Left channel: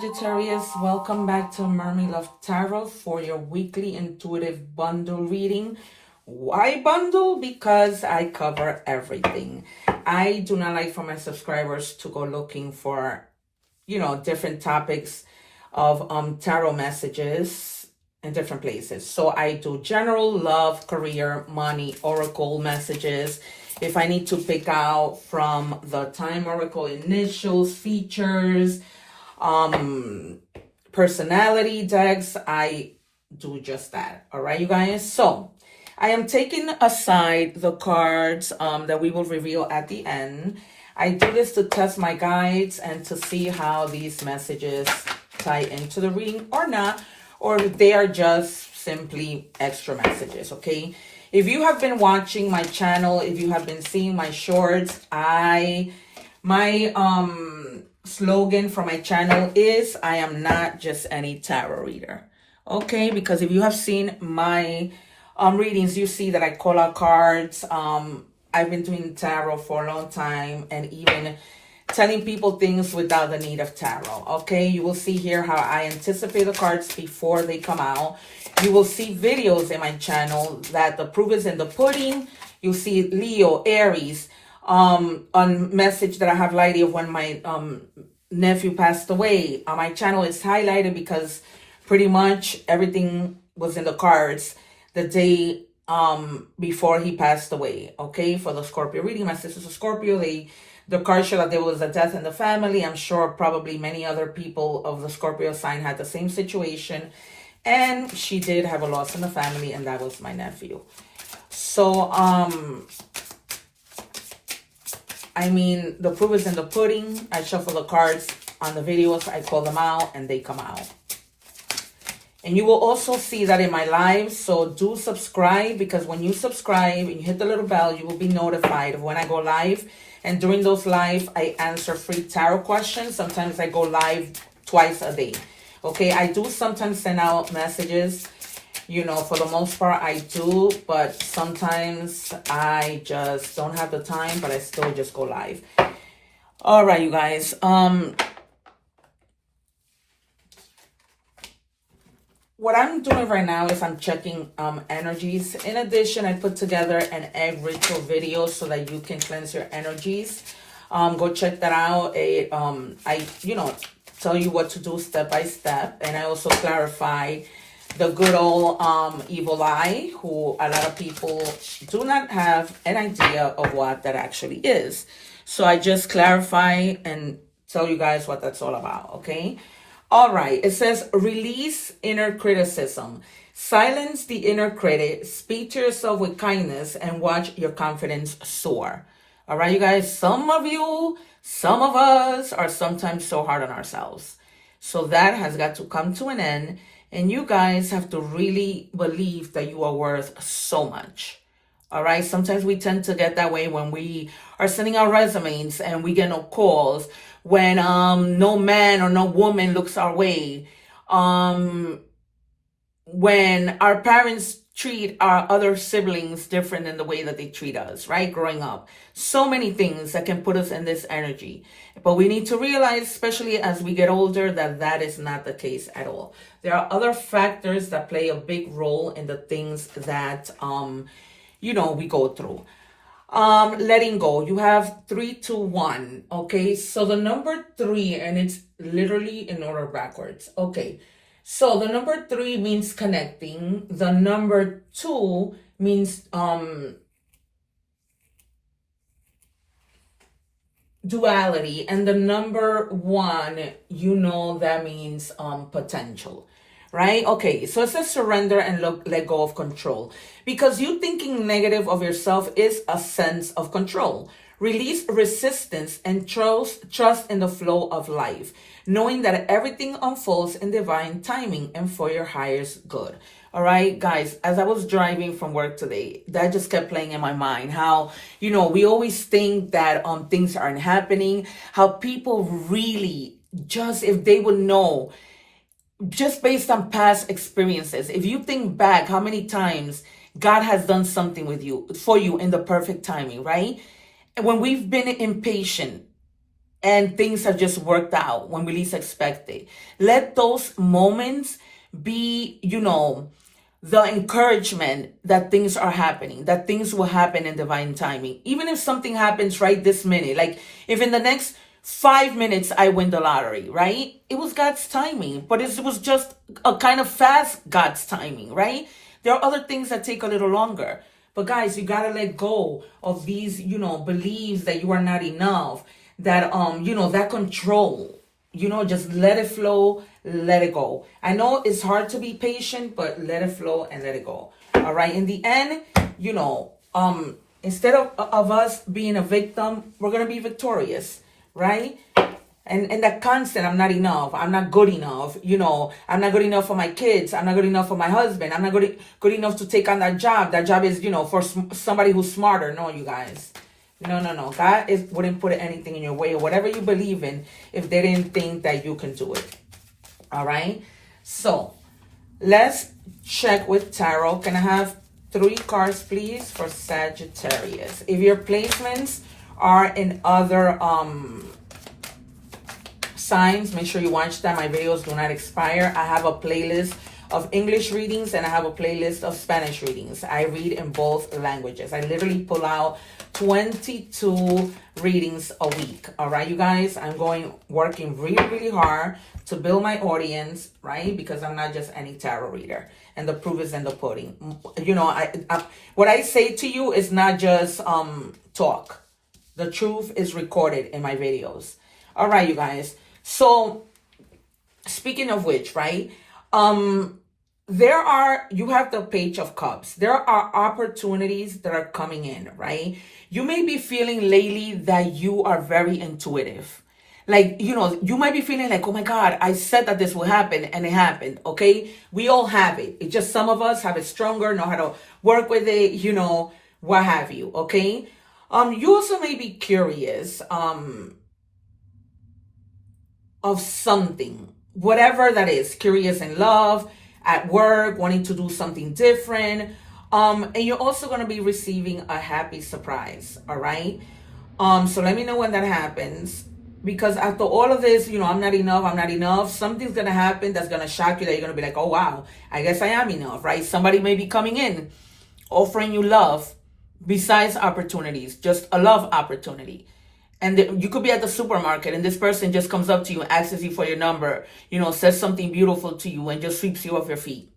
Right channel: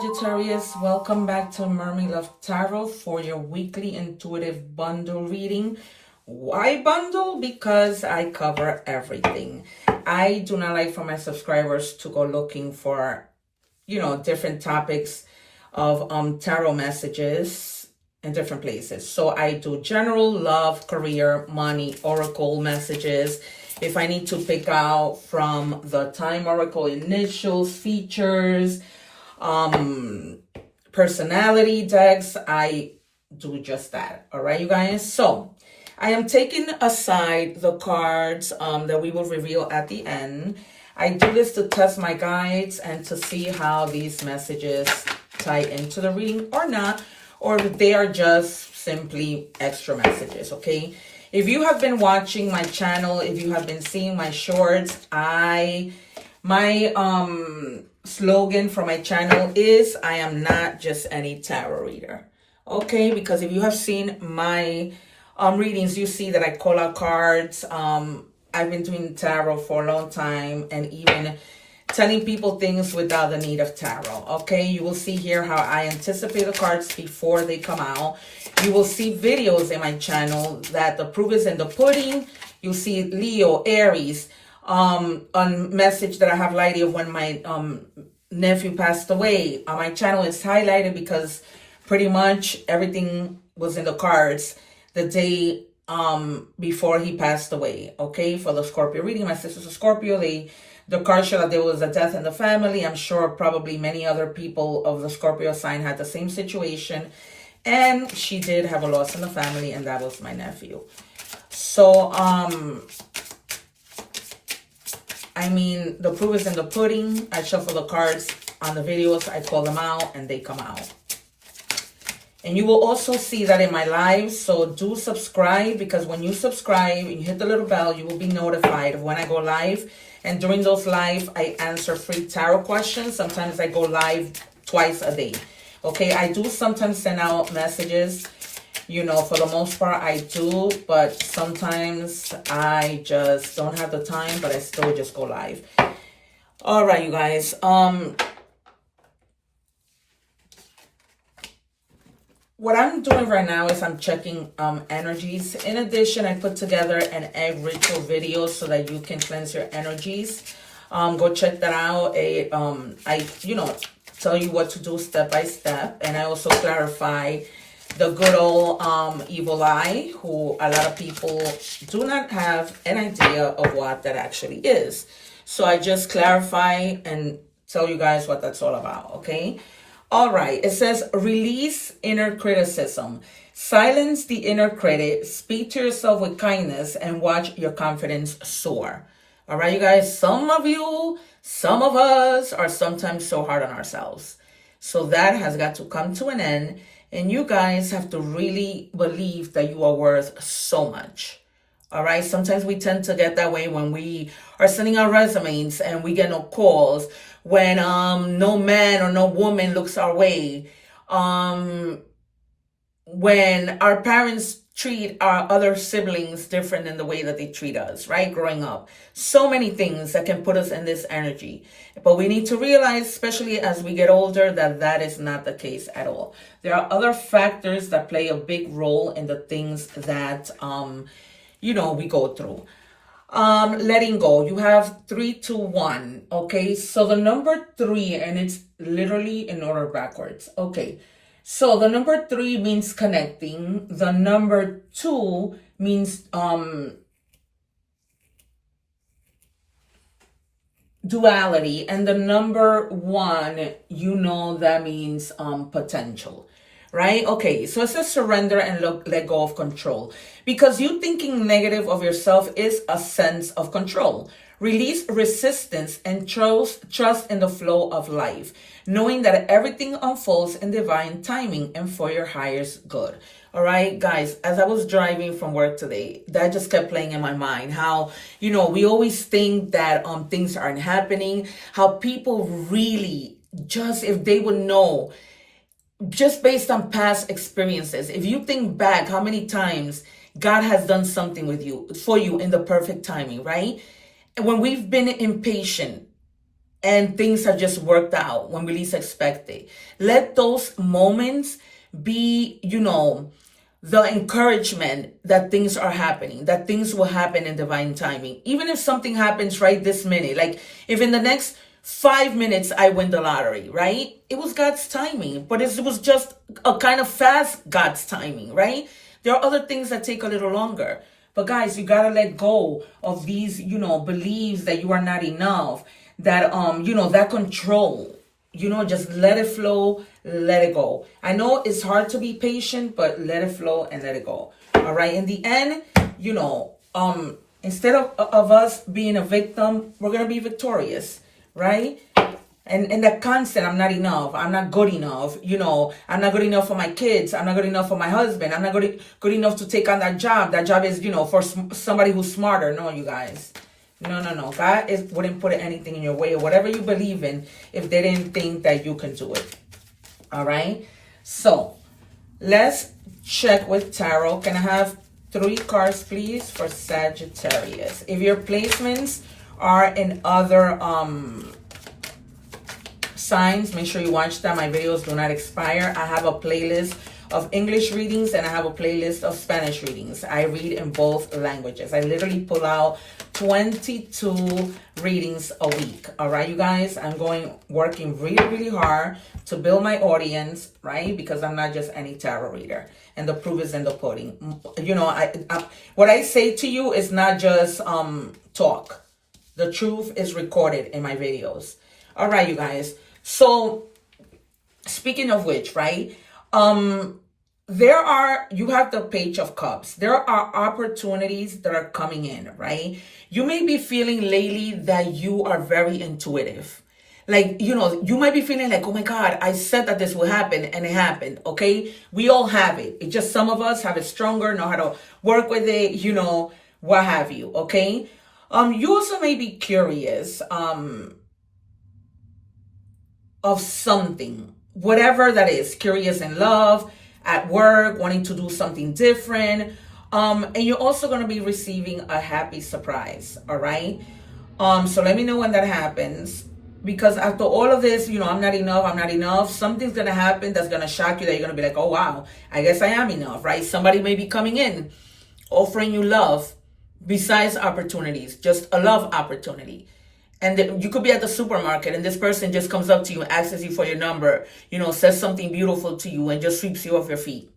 Sagittarius, welcome back to Mermaid Love Tarot for your weekly intuitive bundle reading. Why bundle? Because I cover everything. I do not like for my subscribers to go looking for, different topics of tarot messages in different places. So I do general love, career, money, oracle messages. If I need to pick out from the Time Oracle initials, features, personality decks, I do just that. All right, you guys. So I am taking aside the cards that we will reveal at the end. I do this to test my guides and to see how these messages tie into the reading or not, or if they are just simply extra messages. Okay, if you have been watching my channel, if you have been seeing my shorts, my slogan for my channel is I am not just any tarot reader. Okay, because if you have seen my readings, you see that I call out cards. I've been doing tarot for a long time and even telling people things without the need of tarot. Okay, you will see here how I anticipate the cards before they come out. You will see videos in my channel that the proof is in the pudding. You'll see Leo, Aries, on message that I have lighted of when my nephew passed away. My channel is highlighted because pretty much everything was in the cards the day before he passed away. Okay, for the Scorpio reading, my sister's a Scorpio. The card showed that there was a death in the family. I'm sure probably many other people of the Scorpio sign had the same situation, and she did have a loss in the family, and that was my nephew. So I mean, the proof is in the pudding. I shuffle the cards on the videos. I call them out and they come out. And you will also see that in my lives. So do subscribe, because when you subscribe and you hit the little bell, you will be notified of when I go live. And during those live, I answer free tarot questions. Sometimes I go live twice a day. Okay, I do sometimes send out messages. For the most part, I do, but sometimes I just don't have the time, but I still just go live. All right, you guys. What I'm doing right now is I'm checking energies. In addition, I put together an egg ritual video so that you can cleanse your energies. Go check that out. I tell you what to do step by step, and I also clarify the good old evil eye, who a lot of people do not have an idea of what that actually is. So I just clarify and tell you guys what that's all about, okay? All right, it says release inner criticism. Silence the inner critic, speak to yourself with kindness, and watch your confidence soar. All right, you guys, some of us are sometimes so hard on ourselves. So that has got to come to an end. And you guys have to really believe that you are worth so much. All right. Sometimes we tend to get that way when we are sending our resumes and we get no calls, when no man or no woman looks our way, when our parents treat our other siblings different than the way that they treat us, right? Growing up. So many things that can put us in this energy. But we need to realize, especially as we get older, that that is not the case at all. There are other factors that play a big role in the things that, we go through. Letting go. You have 3, 2, 1. Okay. So the number 3, and it's literally in order backwards. Okay. So the number 3 means connecting. The number 2 means duality. And the number 1, that means potential. Right? Okay, so it says surrender and let go of control. Because you thinking negative of yourself is a sense of control. Release resistance and trust in the flow of life, knowing that everything unfolds in divine timing and for your highest good. All right, guys, as I was driving from work today, that just kept playing in my mind. How, we always think that things aren't happening. How people really just, if they would know, just based on past experiences, if you think back how many times God has done something for you in the perfect timing, right? And when we've been impatient and things have just worked out when we least expect it. Let those moments be, the encouragement that things are happening, that things will happen in divine timing. Even if something happens right this minute, like if in the next 5 minutes I win the lottery, right? It was God's timing, but it was just a kind of fast God's timing, right? There are other things that take a little longer. But guys, you gotta let go of these, beliefs that you are not enough, that that control. Just let it flow, let it go. I know it's hard to be patient, but let it flow and let it go. All right. In the end, instead of us being a victim, we're gonna be victorious, right? And that constant, I'm not enough, I'm not good enough, I'm not good enough for my kids, I'm not good enough for my husband, I'm not good enough to take on that job. That job is, for somebody who's smarter. No, you guys. No. God wouldn't put anything in your way, or whatever you believe in, if they didn't think that you can do it. All right? So, let's check with tarot. Can I have 3 cards, please, for Sagittarius? If your placements are in other signs, make sure you watch them. My videos do not expire. I have a playlist of English readings and I have a playlist of Spanish readings. I read in both languages. I literally pull out 22 readings a week. All right, you guys, I'm working really, really hard to build my audience, right? Because I'm not just any tarot reader, and the proof is in the pudding. What I say to you is not just talk. The truth is recorded in my videos. All right, you guys. So speaking of which, right? You have the Page of Cups. There are opportunities that are coming in, right? You may be feeling lately that you are very intuitive. Like, you might be feeling like, oh my God, I said that this will happen and it happened, okay? We all have it. It's just some of us have it stronger, know how to work with it, what have you, okay? You also may be curious of something, whatever that is, curious in love, at work, wanting to do something different. And you're also going to be receiving a happy surprise. All right. So let me know when that happens, because after all of this, I'm not enough. Something's going to happen that's going to shock you, that you're going to be like, oh, wow, I guess I am enough, right? Somebody may be coming in, offering you love besides opportunities, just a love opportunity. And you could be at the supermarket and this person just comes up to you, asks you for your number, says something beautiful to you and just sweeps you off your feet.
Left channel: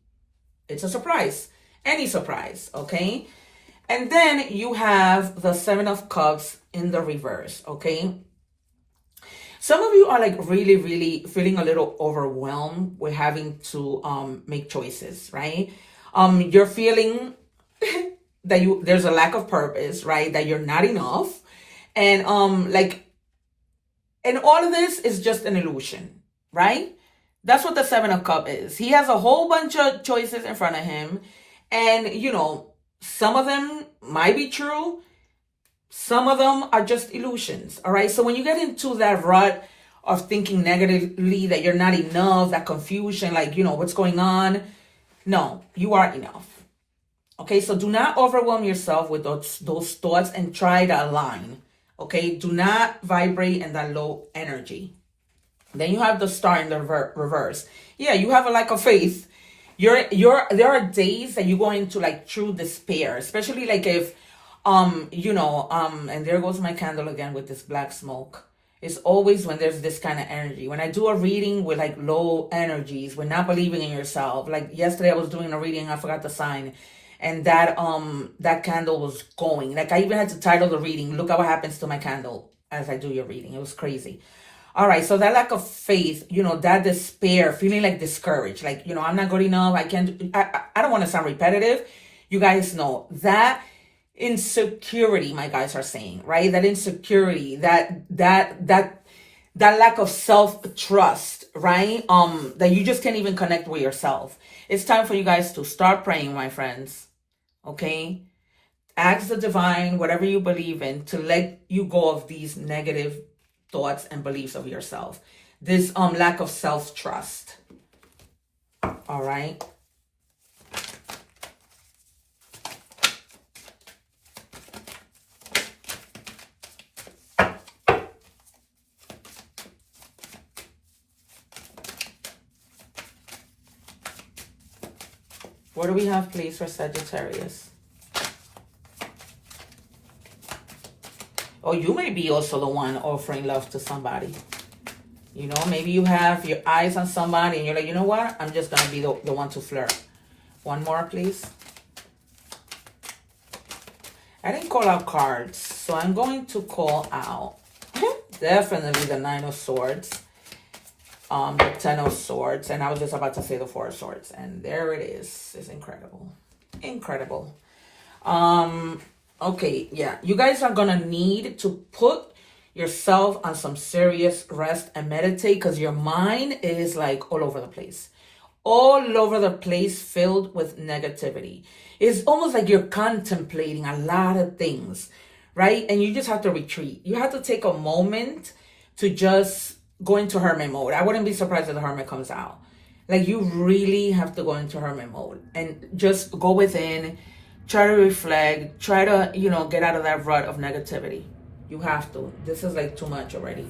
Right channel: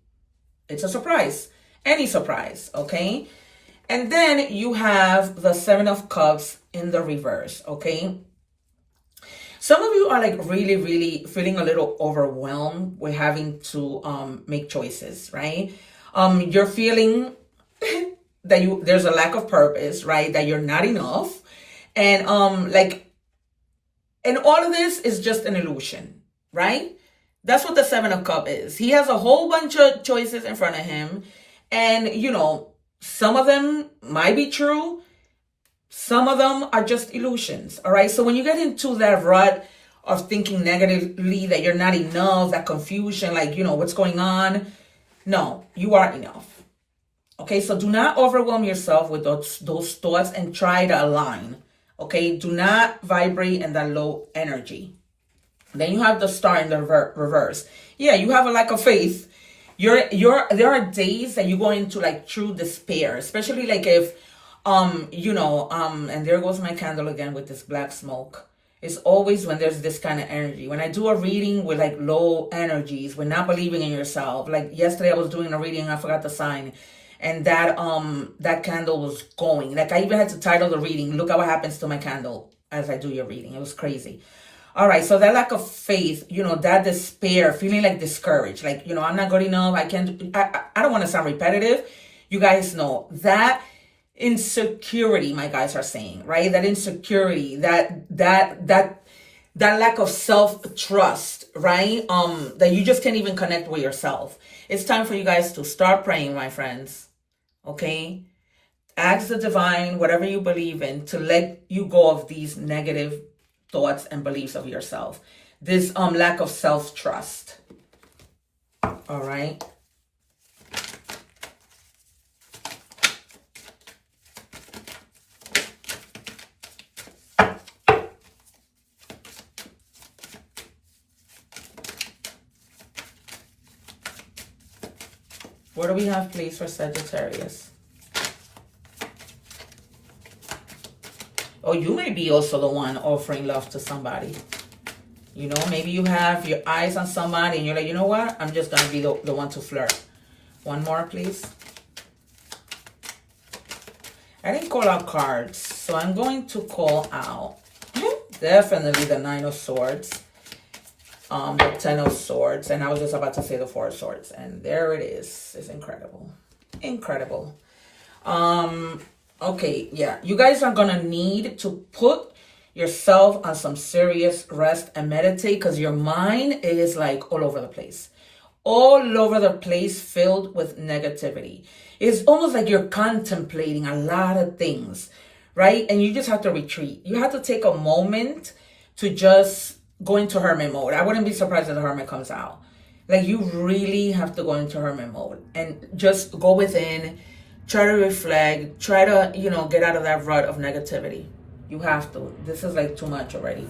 It's a surprise. Any surprise, okay? And then you have the 7 of Cups in the reverse, okay? Some of you are like really, really feeling a little overwhelmed with having to make choices, right? You're feeling that there's a lack of purpose, right? That you're not enough. And and all of this is just an illusion, right? That's what the 7 of Cups is. He has a whole bunch of choices in front of him. And, some of them might be true. Some of them are just illusions, all right? So when you get into that rut of thinking negatively, that you're not enough, that confusion, like, what's going on? No, you are enough. Okay, so do not overwhelm yourself with those thoughts and try to align. Okay, do not vibrate in that low energy. Then you have the Star in the reverse. Yeah, you have a lack of faith. There are days that you go into like true despair, especially like if and there goes my candle again with this black smoke. It's always when there's this kind of energy. When I do a reading with like low energies, when not believing in yourself. Like yesterday I was doing a reading, I forgot the sign. And that candle was going. Like I even had to title the reading, look at what happens to my candle as I do your reading. It was crazy. All right, so that lack of faith, that despair, feeling like discouraged, like, I'm not good enough, I can't, I don't want to sound repetitive. You guys know that insecurity, my guys are saying, right? That insecurity, that lack of self-trust, right? That you just can't even connect with yourself. It's time for you guys to start praying, my friends. Okay? Ask the divine, whatever you believe in, to let you go of these negative thoughts and beliefs of yourself. This lack of self-trust. All right? What do we have, please, for Sagittarius? Oh, you may be also the one offering love to somebody. You know, maybe you have your eyes on somebody and you're like, you know what? I'm just going to be the one to flirt. One more, please. I didn't call out cards, so I'm going to call out definitely the Nine of Swords, the Ten of Swords, and I was just about to say the Four of Swords, and there it is. It's incredible. Incredible. Okay, yeah. You guys are going to need to put yourself on some serious rest and meditate because your mind is like all over the place. All over the place, filled with negativity. It's almost like you're contemplating a lot of things, right? And you just have to retreat. You have to take a moment to just go into hermit mode. I wouldn't be surprised if the hermit comes out. Like, you really have to go into hermit mode and just go within, try to reflect, try to, you know, get out of that rut of negativity. You have to. This is like too much already.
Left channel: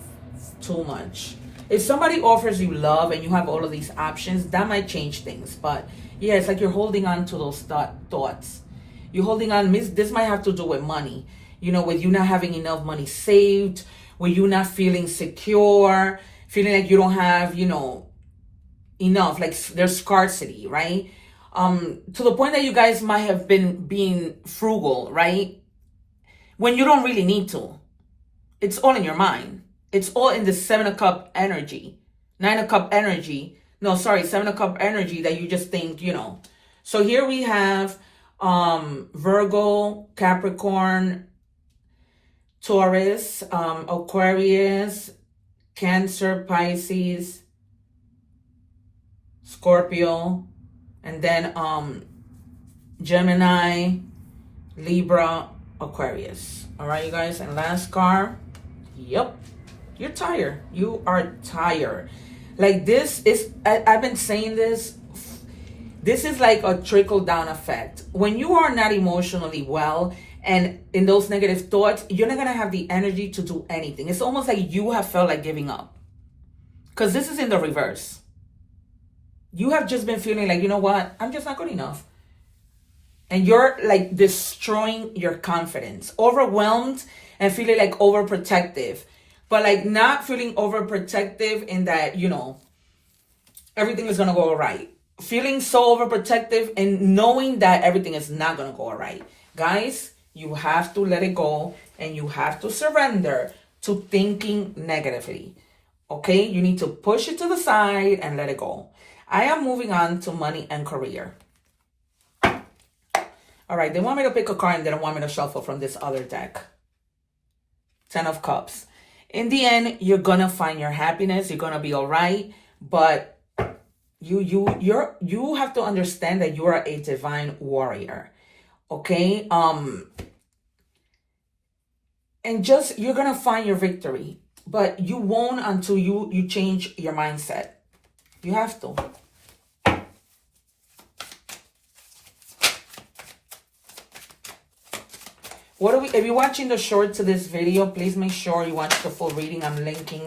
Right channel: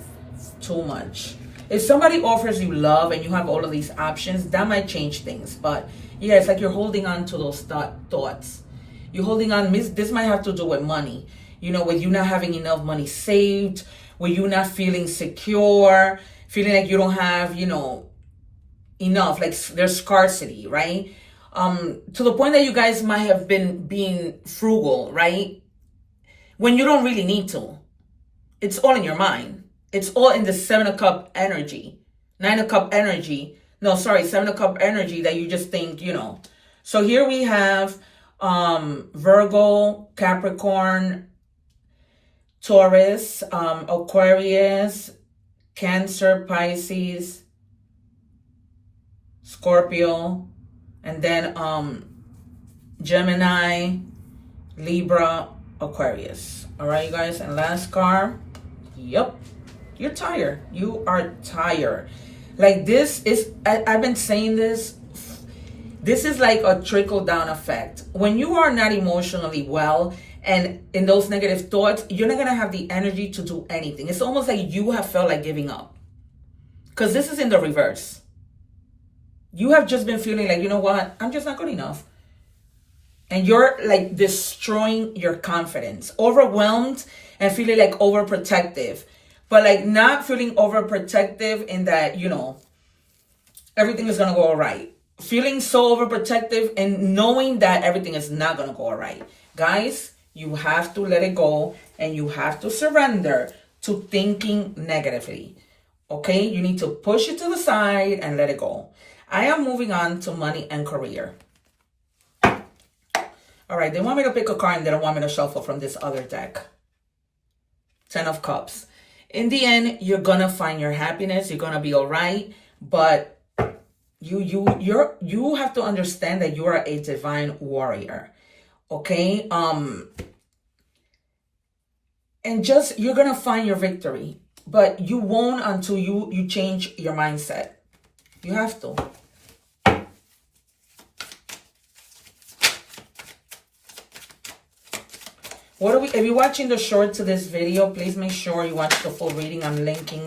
Too much. If somebody offers you love and you have all of these options, that might change things. But yeah, it's like you're holding on to those thoughts. You're holding on. This might have to do with money. You know, with you not having enough money saved, with you not feeling secure, feeling like you don't have, you know, enough. Like there's scarcity, right? To the point that you guys might have been being frugal, right? When you don't really need to. It's all in your mind. It's all in the Seven of Cup energy. Nine of Cup energy. No, sorry, Seven of Cup energy that you just think, you know. So here we have Virgo, Capricorn, Taurus, Aquarius, Cancer, Pisces, Scorpio, and then Gemini, Libra, Aquarius. All right, you guys. And last card. Yep. You're tired. You are tired. Like this is, I've been saying this. This is like a trickle down effect. When you are not emotionally well and in those negative thoughts, you're not going to have the energy to do anything. It's almost like you have felt like giving up. Because this is in the reverse. You have just been feeling like, you know what? I'm just not good enough. And you're like destroying your confidence. Overwhelmed and feeling like overprotective. But like not feeling overprotective in that, you know, everything is going to go all right. Feeling so overprotective and knowing that everything is not going to go all right. Guys, you have to let it go and you have to surrender to thinking negatively. Okay? You need to push it to the side and let it go. I am moving on to money and career. All right, they want me to pick a card and they don't want me to shuffle from this other deck. Ten of Cups. In the end, you're going to find your happiness. You're going to be all right. But you have to understand that you are a divine warrior. Okay? And just, you're going to find your victory. But you won't until you change your mindset. You have to. If you're watching the short to this video, please make sure you watch the full reading. I'm linking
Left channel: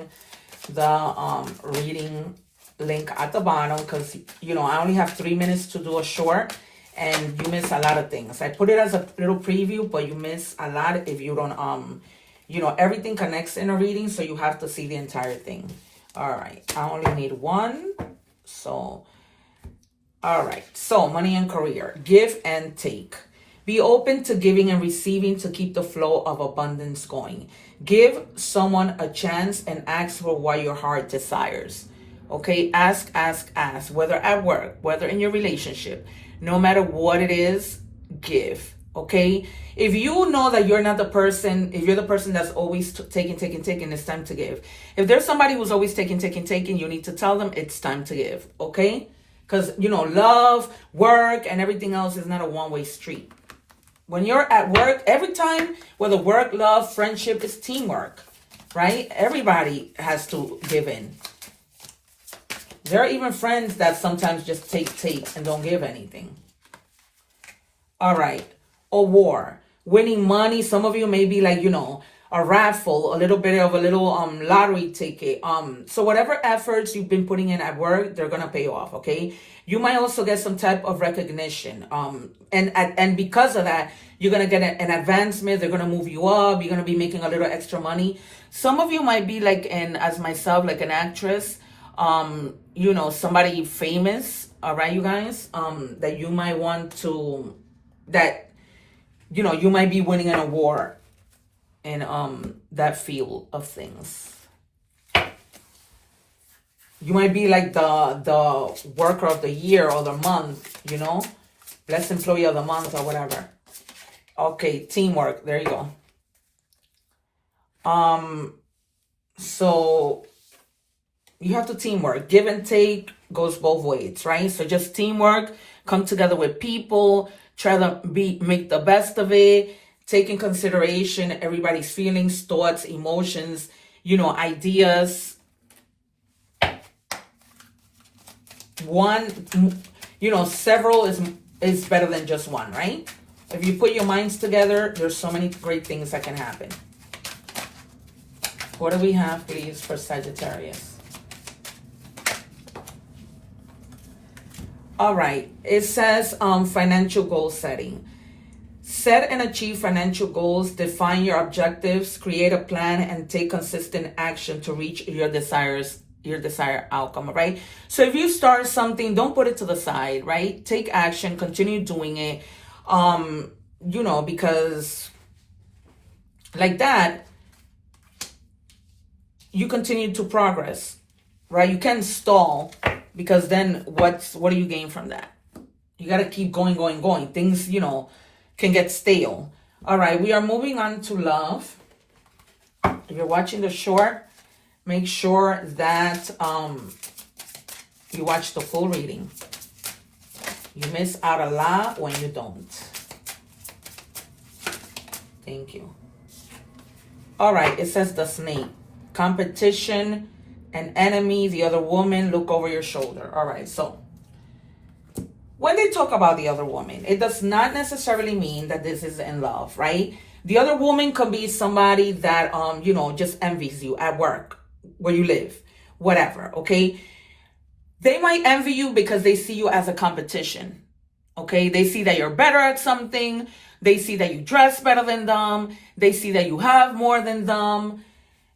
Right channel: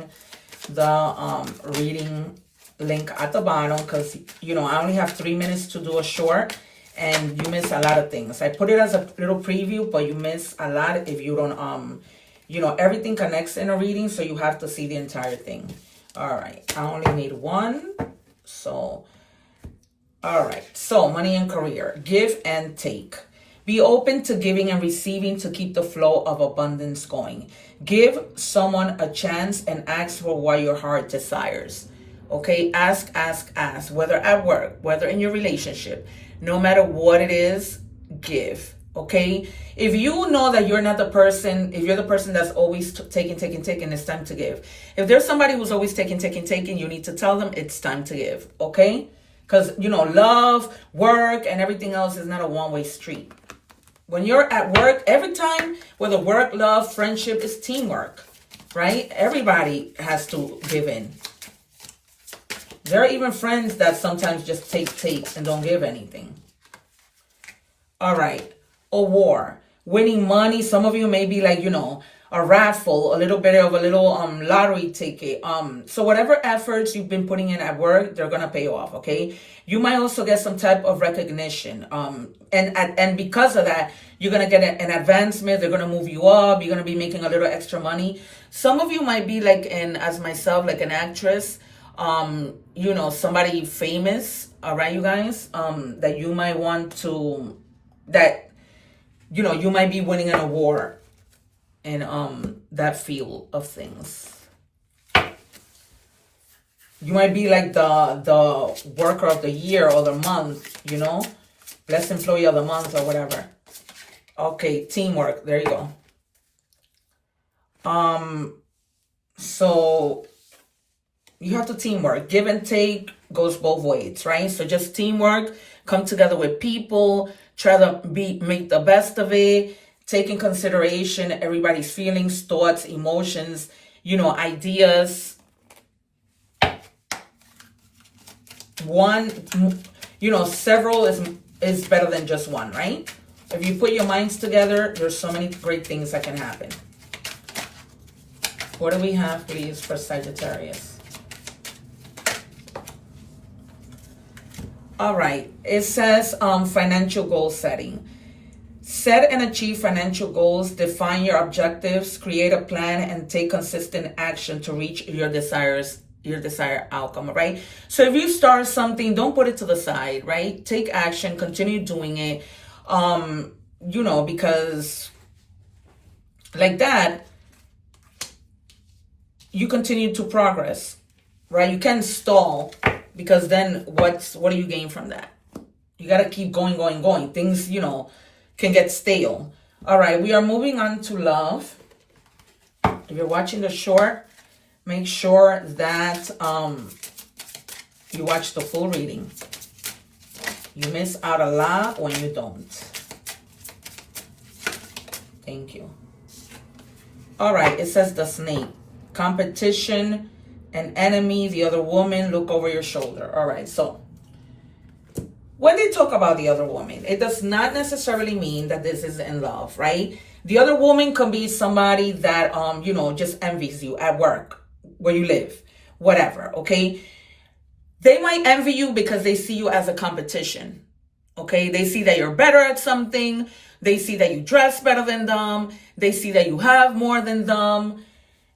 the reading link at the bottom because, you know, I only have 3 minutes to do a short and you miss a lot of things. I put it as a little preview, but you miss a lot if you don't, you know, everything connects in a reading, so you have to see the entire thing. All right. I only need one. So, all right. So, money and career. Give and take. Be open to giving and receiving to keep the flow of abundance going. Give someone a chance and ask for what your heart desires. Okay? Ask. Whether at work, whether in your relationship, no matter what it is, give. Okay? If you know that you're not the person, if you're the person that's always taking, it's time to give. If there's somebody who's always taking, you need to tell them it's time to give. Okay? Because, you know, love, work, and everything else is not a one-way street. When you're at work, every time, whether work, love, friendship, is teamwork, right? Everybody has to give in. There are even friends that sometimes just take and don't give anything. All right. A war. Winning money. Some of you may be like, you know, a raffle, a little bit of a little lottery ticket. So whatever efforts you've been putting in at work, they're gonna pay off. Okay. You might also get some type of recognition. And because of that, you're gonna get an advancement. They're gonna move you up. You're gonna be making a little extra money. Some of you might be like as myself, like an actress. You know, somebody famous. All right, you guys. That you might want to, that, you know, you might be winning an award in that field of things. You might be like the worker of the year or the month, you know, best employee of the month or whatever. Okay, teamwork. There you go. So you have to teamwork. Give and take goes both ways, right? So just teamwork, come together with people, try to make the best of it, take in consideration everybody's feelings, thoughts, emotions, you know, ideas. One, you know, several is better than just one, right? If you put your minds together, there's so many great things that can happen. What do we have, please, for Sagittarius? All right. It says financial goal setting. Set and achieve financial goals, define your objectives, create a plan, and take consistent action to reach your desired outcome, right? So if you start something, don't put it to the side, right? Take action, continue doing it, you know, because like that, you continue to progress, right? You can't stall, because then what do you gain from that? You got to keep going. Things, you know, can get stale. All right, we are moving on to love. If you're watching the short, make sure that you watch the full reading. You miss out a lot when you don't. Thank you. All right, it says the snake. Competition, an enemy, the other woman, look over your shoulder. All right, so when they talk about the other woman, it does not necessarily mean that this is in love, right? The other woman can be somebody that, you know, just envies you at work, where you live, whatever, okay? They might envy you because they see you as a competition, okay? They see that you're better at something. They see that you dress better than them. They see that you have more than them.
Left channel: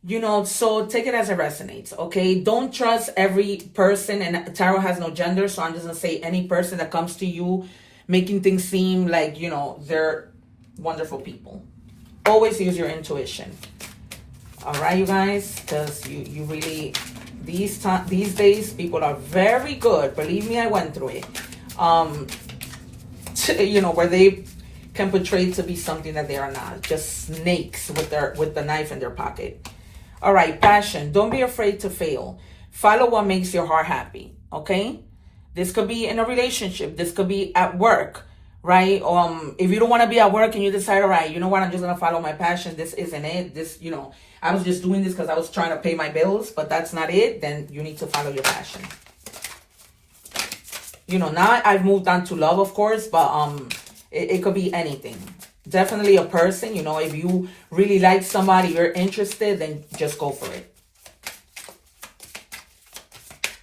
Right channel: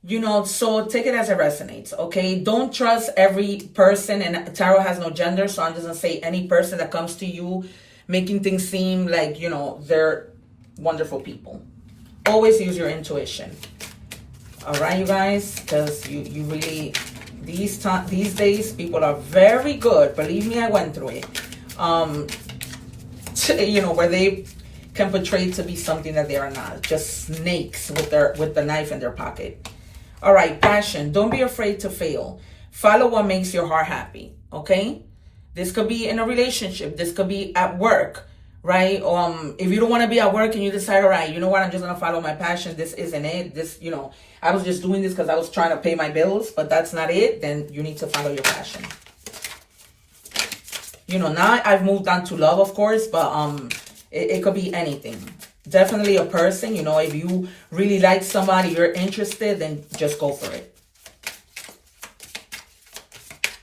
You know, so take it as it resonates, okay? Don't trust every person, and tarot has no gender, so I'm just gonna say any person that comes to you making things seem like, you know, they're wonderful people. Always use your intuition. All right, you guys, because you really, these days, people are very good. Believe me, I went through it. You know, where they can portray to be something that they are not. Just snakes with the knife in their pocket. All right, passion. Don't be afraid to fail. Follow what makes your heart happy, okay? This could be in a relationship. This could be at work, right? If you don't want to be at work and you decide, all right, you know what, I'm just going to follow my passion. This isn't it. This, you know, I was just doing this because I was trying to pay my bills, but that's not it. Then you need to follow your passion. You know, now I've moved on to love, of course, but it could be anything. Definitely a person, you know, if you really like somebody, you're interested, then just go for it.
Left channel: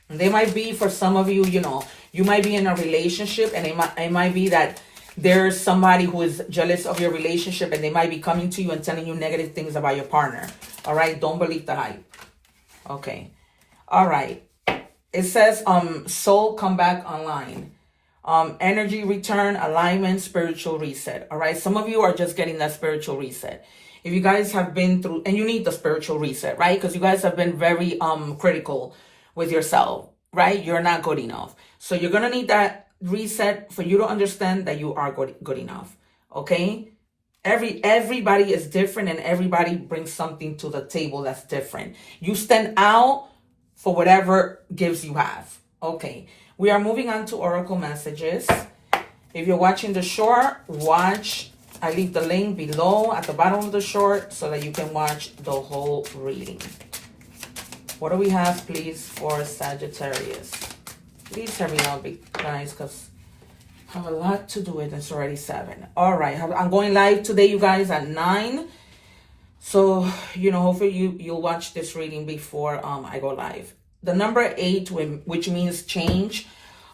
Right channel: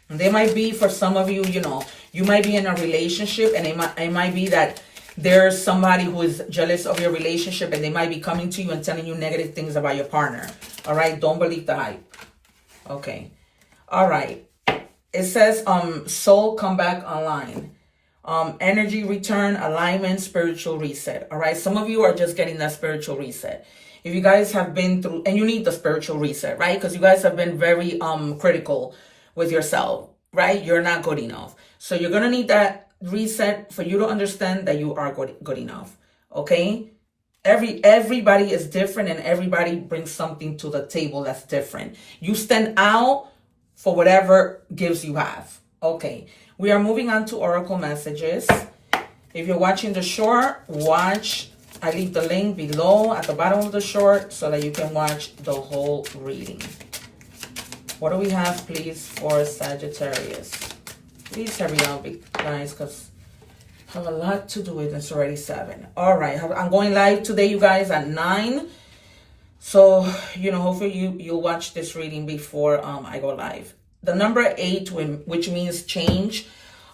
And they might be, for some of you, you know, you might be in a relationship, and it might be that there's somebody who is jealous of your relationship, and they might be coming to you and telling you negative things about your partner. All right, don't believe the hype. Okay. All right. It says soul come back online. Energy return, alignment, spiritual reset. All right. Some of you are just getting that spiritual reset. If you guys have been through, and you need the spiritual reset, right? Because you guys have been very critical with yourself, right? You're not good enough. So you're going to need that reset for you to understand that you are good enough. Okay. Everybody is different, and everybody brings something to the table that's different. You stand out for whatever gifts you have. Okay. We are moving on to oracle messages. If you're watching the short, watch. I leave the link below at the bottom of the short so that you can watch the whole reading. What do we have, please, for Sagittarius? Please hurry up, guys, because I have a lot to do. It's already 7. All right. I'm going live today, you guys, at 9. So, hopefully you'll watch this reading before I go live. The number 8, which means change,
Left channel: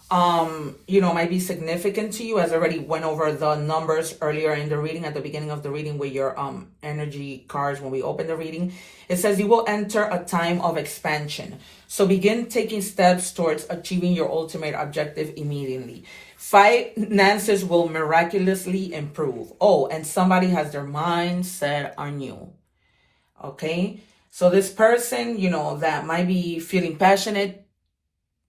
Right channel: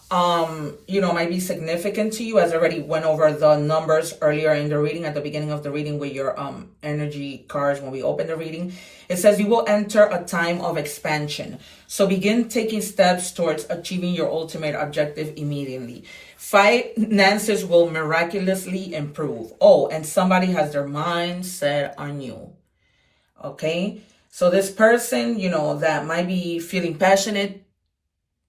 might be significant to you, as I already went over the numbers earlier in the reading, at the beginning of the reading with your energy cards when we open the reading. It says you will enter a time of expansion. So begin taking steps towards achieving your ultimate objective immediately. Finances will miraculously improve. Oh, and somebody has their mind set on you. Okay? So this person, that might be feeling passionate,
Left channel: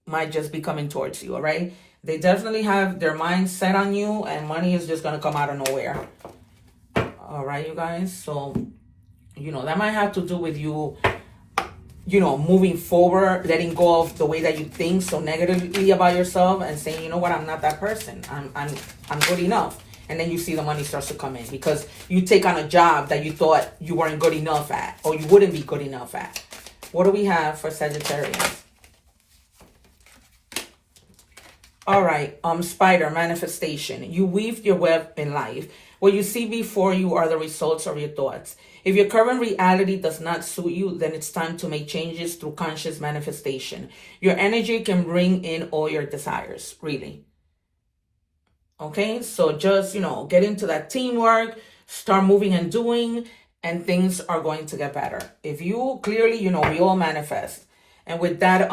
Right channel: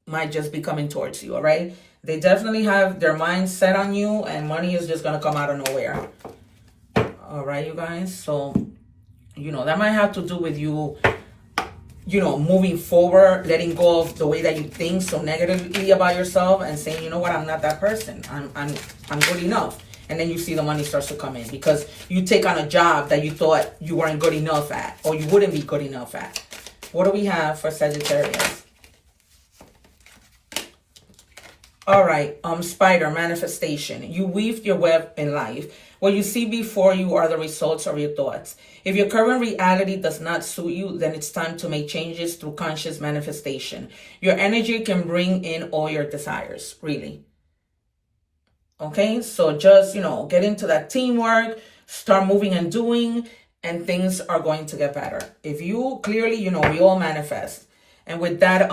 might just be coming towards you, all right? They definitely have their mind set on you, and money is just going to come out of nowhere. All right, you guys? So, that might have to do with you, moving forward, letting go of the way that you think so negatively about yourself and saying, you know what, I'm not that person. I'm good enough. And then you see the money starts to come in because you take on a job that you thought you weren't good enough at, or you wouldn't be good enough at. What do we have for Sagittarius? All right, spider, manifestation. You weave your web in life. What you see before you are the results of your thoughts. If your current reality does not suit you, then it's time to make changes through conscious manifestation. Your energy can bring in all your desires, really. Okay, so just, get into that teamwork, start moving and doing, and things are going to get better. If you clearly, we all manifest. And with that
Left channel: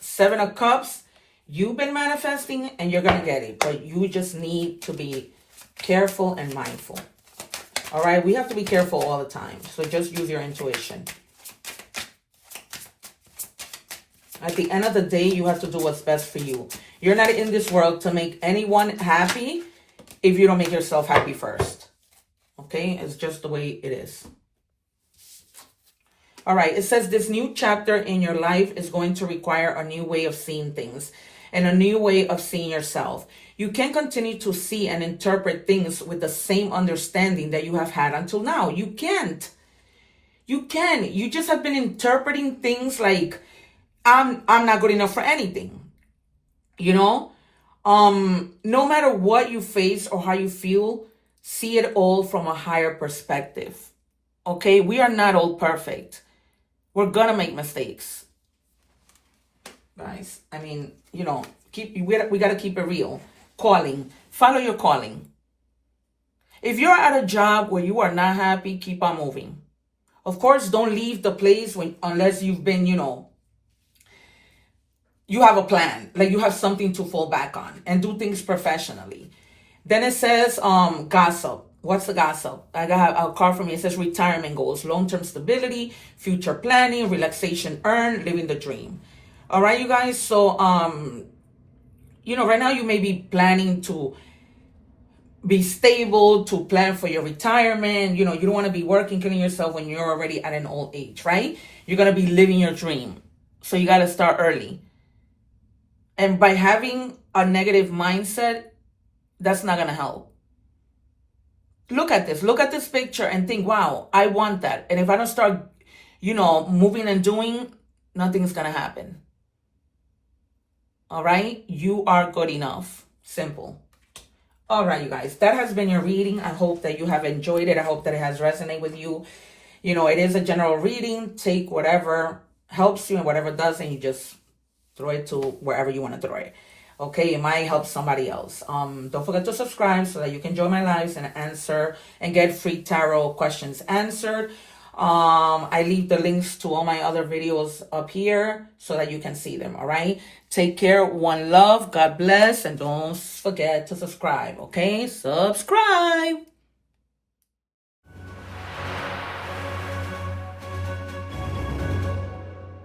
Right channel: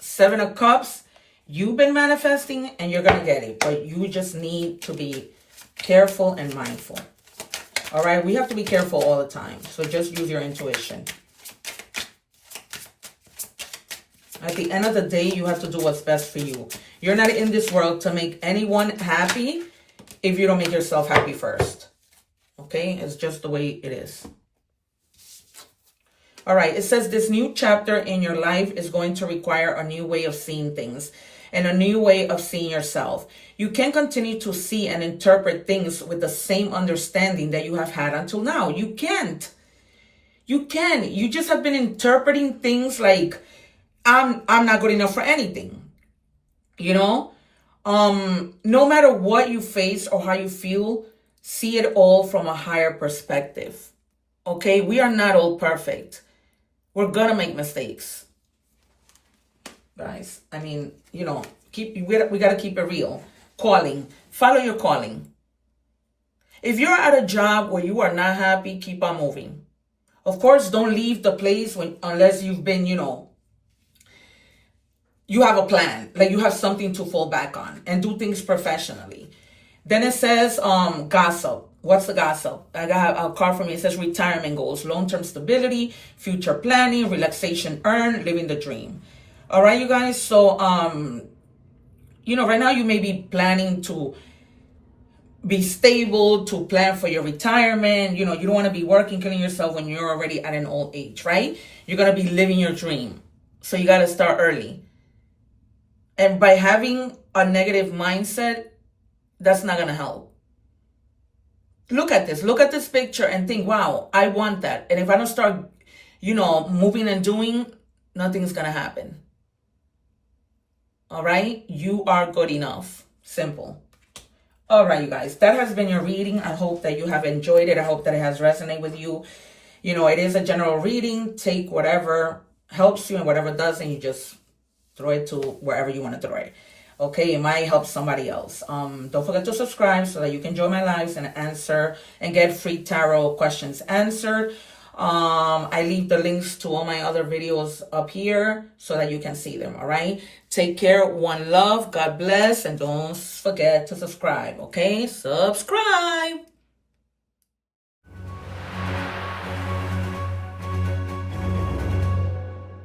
7 of Cups, you've been manifesting and you're going to get it. But you just need to be careful and mindful. All right, we have to be careful all the time. So just use your intuition. At the end of the day, you have to do what's best for you. You're not in this world to make anyone happy if you don't make yourself happy first. Okay? It's just the way it is. All right. It says this new chapter in your life is going to require a new way of seeing things and a new way of seeing yourself. You can't continue to see and interpret things with the same understanding that you have had until now. You can't. You can. You just have been interpreting things like, I'm not good enough for anything. No matter what you face or how you feel, see it all from a higher perspective. Okay, we are not all perfect. We're gonna make mistakes, guys. I mean, we gotta keep it real. Follow your calling. If you're at a job where you are not happy, keep on moving. Of course, don't leave the place unless you've been, you have a plan, like you have something to fall back on, and do things professionally. Then it says gossip. What's the gossip? I got a card for me. It says retirement goals, long-term stability, future planning, relaxation earned, living the dream. All right, you guys. So, right now you may be planning to be stable, to plan for your retirement. You don't want to be working, killing yourself when you're already at an old age, right? You're going to be living your dream. So you got to start early. And by having a negative mindset, that's not going to help. Look at this picture and think, wow, I want that. And if I don't start, moving and doing, nothing's going to happen. All right? You are good enough. Simple. All right, you guys, that has been your reading. I hope that you have enjoyed it. I hope that it has resonated with you. It is a general reading. Take whatever helps you and whatever doesn't, you just throw it to wherever you want to throw it. Okay, it might help somebody else. Don't forget to subscribe so that you can join my lives and answer and get free tarot questions answered. I leave the links to all my other videos up here so that you can see them. All right, take care. One love. God bless. And don't forget to subscribe. Okay, subscribe.